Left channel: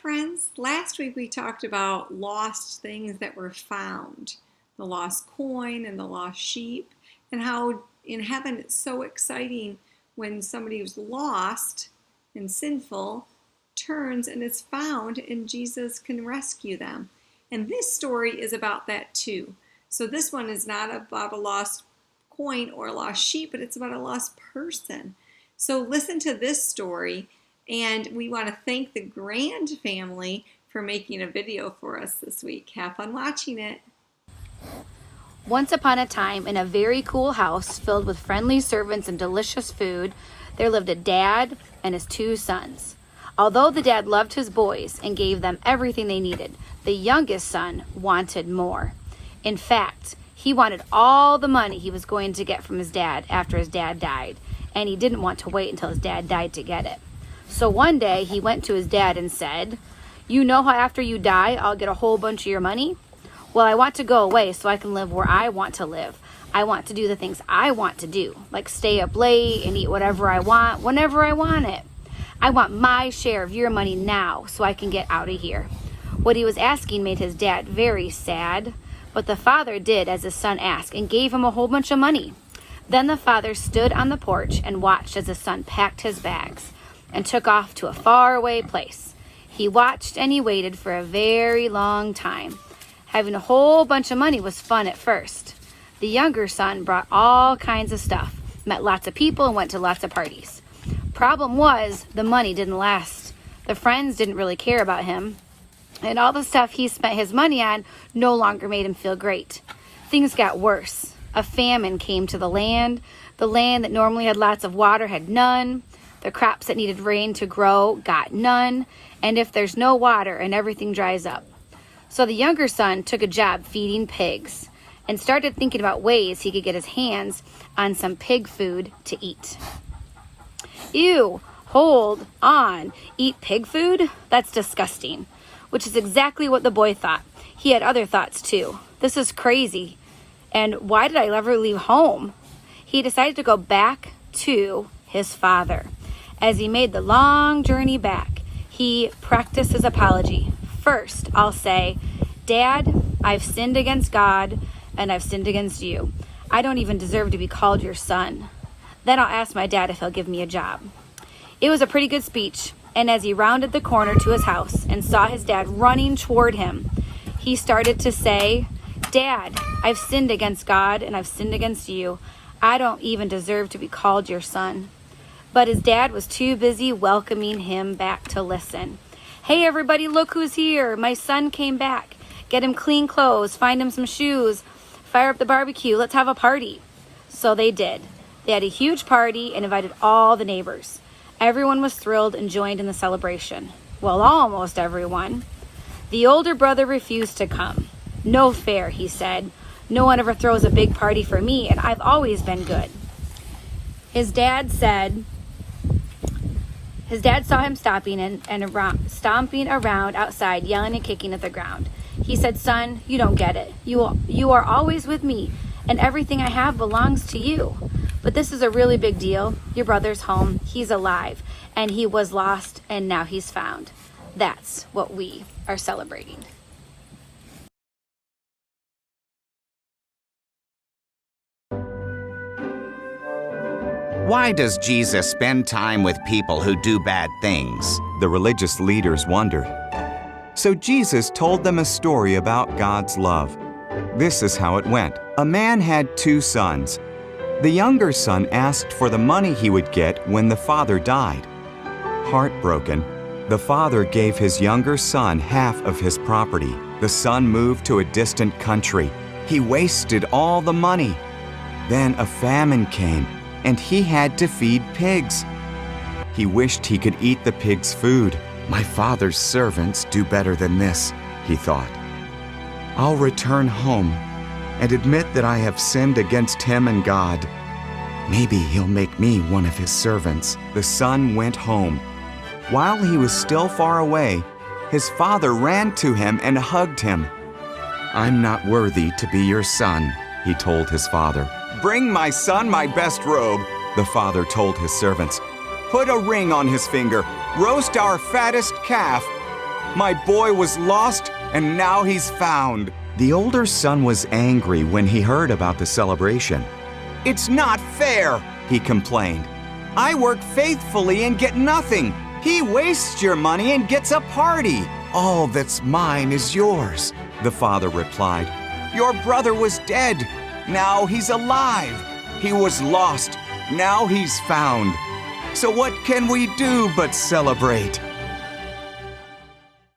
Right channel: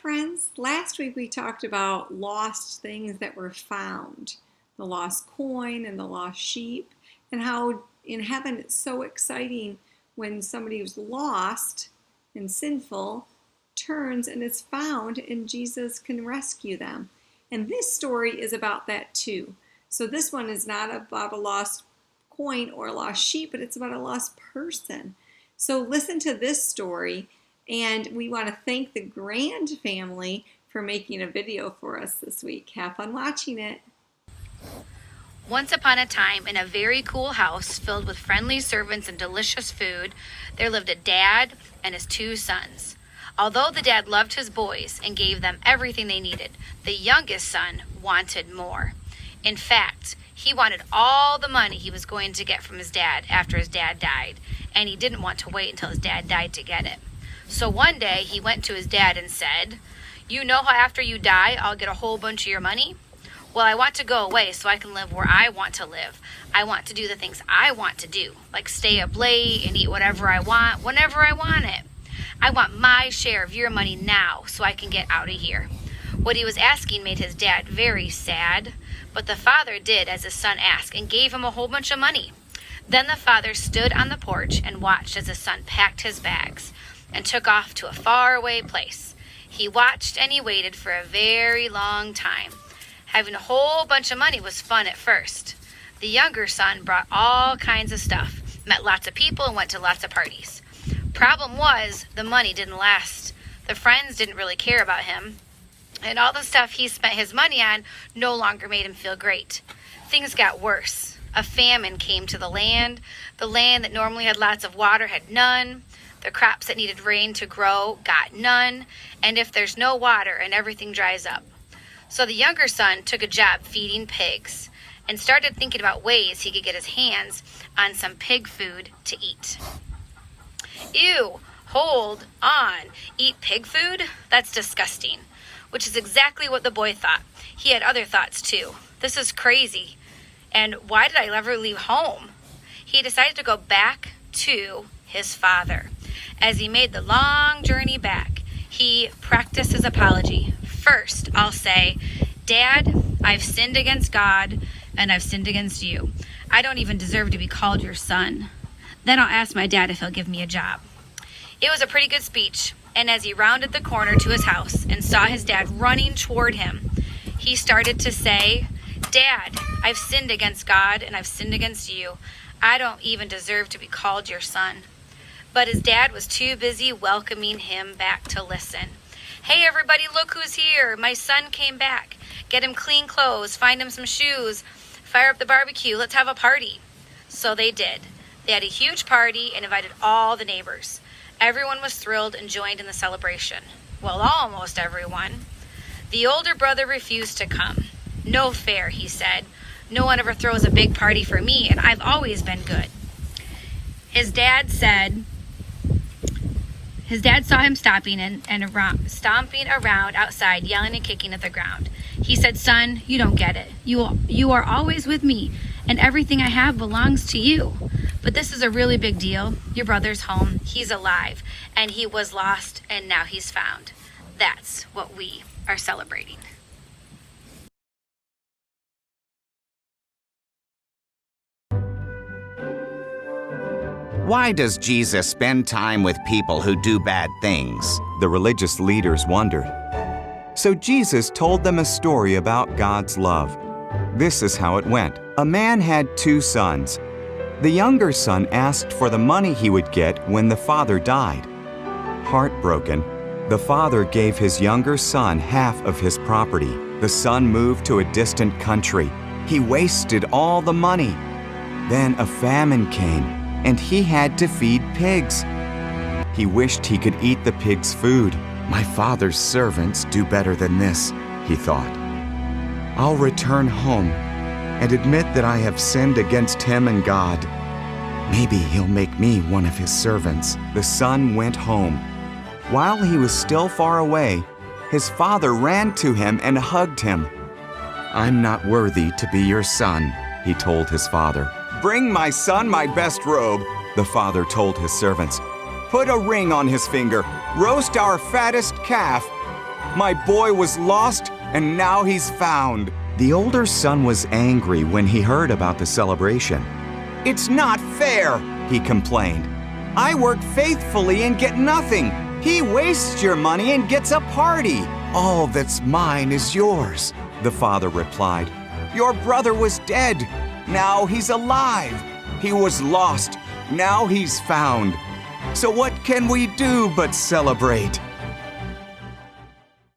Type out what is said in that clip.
friends. Last week we talked about lost things that were found, the lost coin and the lost sheep, and how in heaven it's so exciting when somebody who's lost and sinful turns and is found and Jesus can rescue them. And this story is about that too. So this one is not about a lost coin or a lost sheep, but it's about a lost person. So listen to this story. And we want to thank the Grand family for making a video for us this week. Have fun watching it. Once upon a time, in a very cool house filled with friendly servants and delicious food, there lived a dad and his two sons. Although the dad loved his boys and gave them everything they needed, the youngest son wanted more. In fact, he wanted all the money he was going to get from his dad after his dad died, and he didn't want to wait until his dad died to get it. So one day he went to his dad and said, "You know how after you die, I'll get a whole bunch of your money? Well, I want to go away so I can live where I want to live. I want to do the things I want to do, like stay up late and eat whatever I want, whenever I want it. I want my share of your money now so I can get out of here." What he was asking made his dad very sad, but the father did as his son asked and gave him a whole bunch of money. Then the father stood on the porch and watched as his son packed his bags and took off to a faraway place. He watched and he waited for a very long time. Having a whole bunch of money was fun at first. The younger son brought all kinds of stuff, met lots of people, and went to lots of parties. Problem was, the money didn't last. The friends didn't really care about him, and all the stuff he spent his money on no longer made him feel great. Things got worse. A famine came to the land. The land that normally had lots of water had none. The crops that needed rain to grow got none, and if there's no water and everything dries up. So the younger son took a job feeding pigs and started thinking about ways he could get his hands on some pig food to eat. Ew, hold on, eat pig food? That's disgusting, which is exactly what the boy thought. He had other thoughts too. This is crazy, and why did I ever leave home? He decided to go back to his father. As he made the long journey back, he practiced his apology. First, I'll say, "Dad, I've sinned against God and I've sinned against you. I don't even deserve to be called your son." Then I'll ask my dad if he'll give me a job. It was a pretty good speech, and as he rounded the corner to his house and saw his dad running toward him, he started to say, "Dad, I've sinned against God and I've sinned against you. I don't even deserve to be called your son." But his dad was too busy welcoming him back to listen. "Hey everybody, look who's here. My son came back. Get him clean clothes, find him some shoes, fire up the barbecue, let's have a party." So they did. They had a huge party and invited all the neighbors. Everyone was thrilled and joined in the celebration. Well, almost everyone. The older brother refused to come. "No fair," he said. "No one ever throws a big party for me, and I've always been good." His dad saw him stomping around outside, yelling and kicking at the ground. He said, "Son, you don't get it. You are always with me, and everything I have belongs to you. But this is a really big deal. Your brother's home. He's alive, and he was lost, and now he's found. That's what we are celebrating." Why does Jesus spend time with people who do bad things? The religious leaders wondered. So Jesus told them a story about God's love. This is how it went. A man had two sons. The younger son asked for the money he would get when the father died. Heartbroken, the father gave his younger son half of his property. The son moved to a distant country. He wasted all the money. Then a famine came, and he had to feed pigs. He wished he could eat the pigs' food. My father's servants do better than this, he thought. I'll return home and admit that I have sinned against him and God. Maybe he'll make me one of his servants. The son went home. While he was still far away, his father ran to him and hugged him. I'm not worthy to be your son, he told his father. Bring my son my best robe, the father told his servants. Put a ring on his finger. Roast our fattest calf. My boy was lost, and now he's found." The older son was angry when he heard about the celebration. "It's not fair," he complained. "I work faithfully and get nothing. He wastes your money and gets a party. All that's mine is yours," the father replied. "Your brother was dead. Now he's alive. He was lost. Now he's found. So what can we do but celebrate?"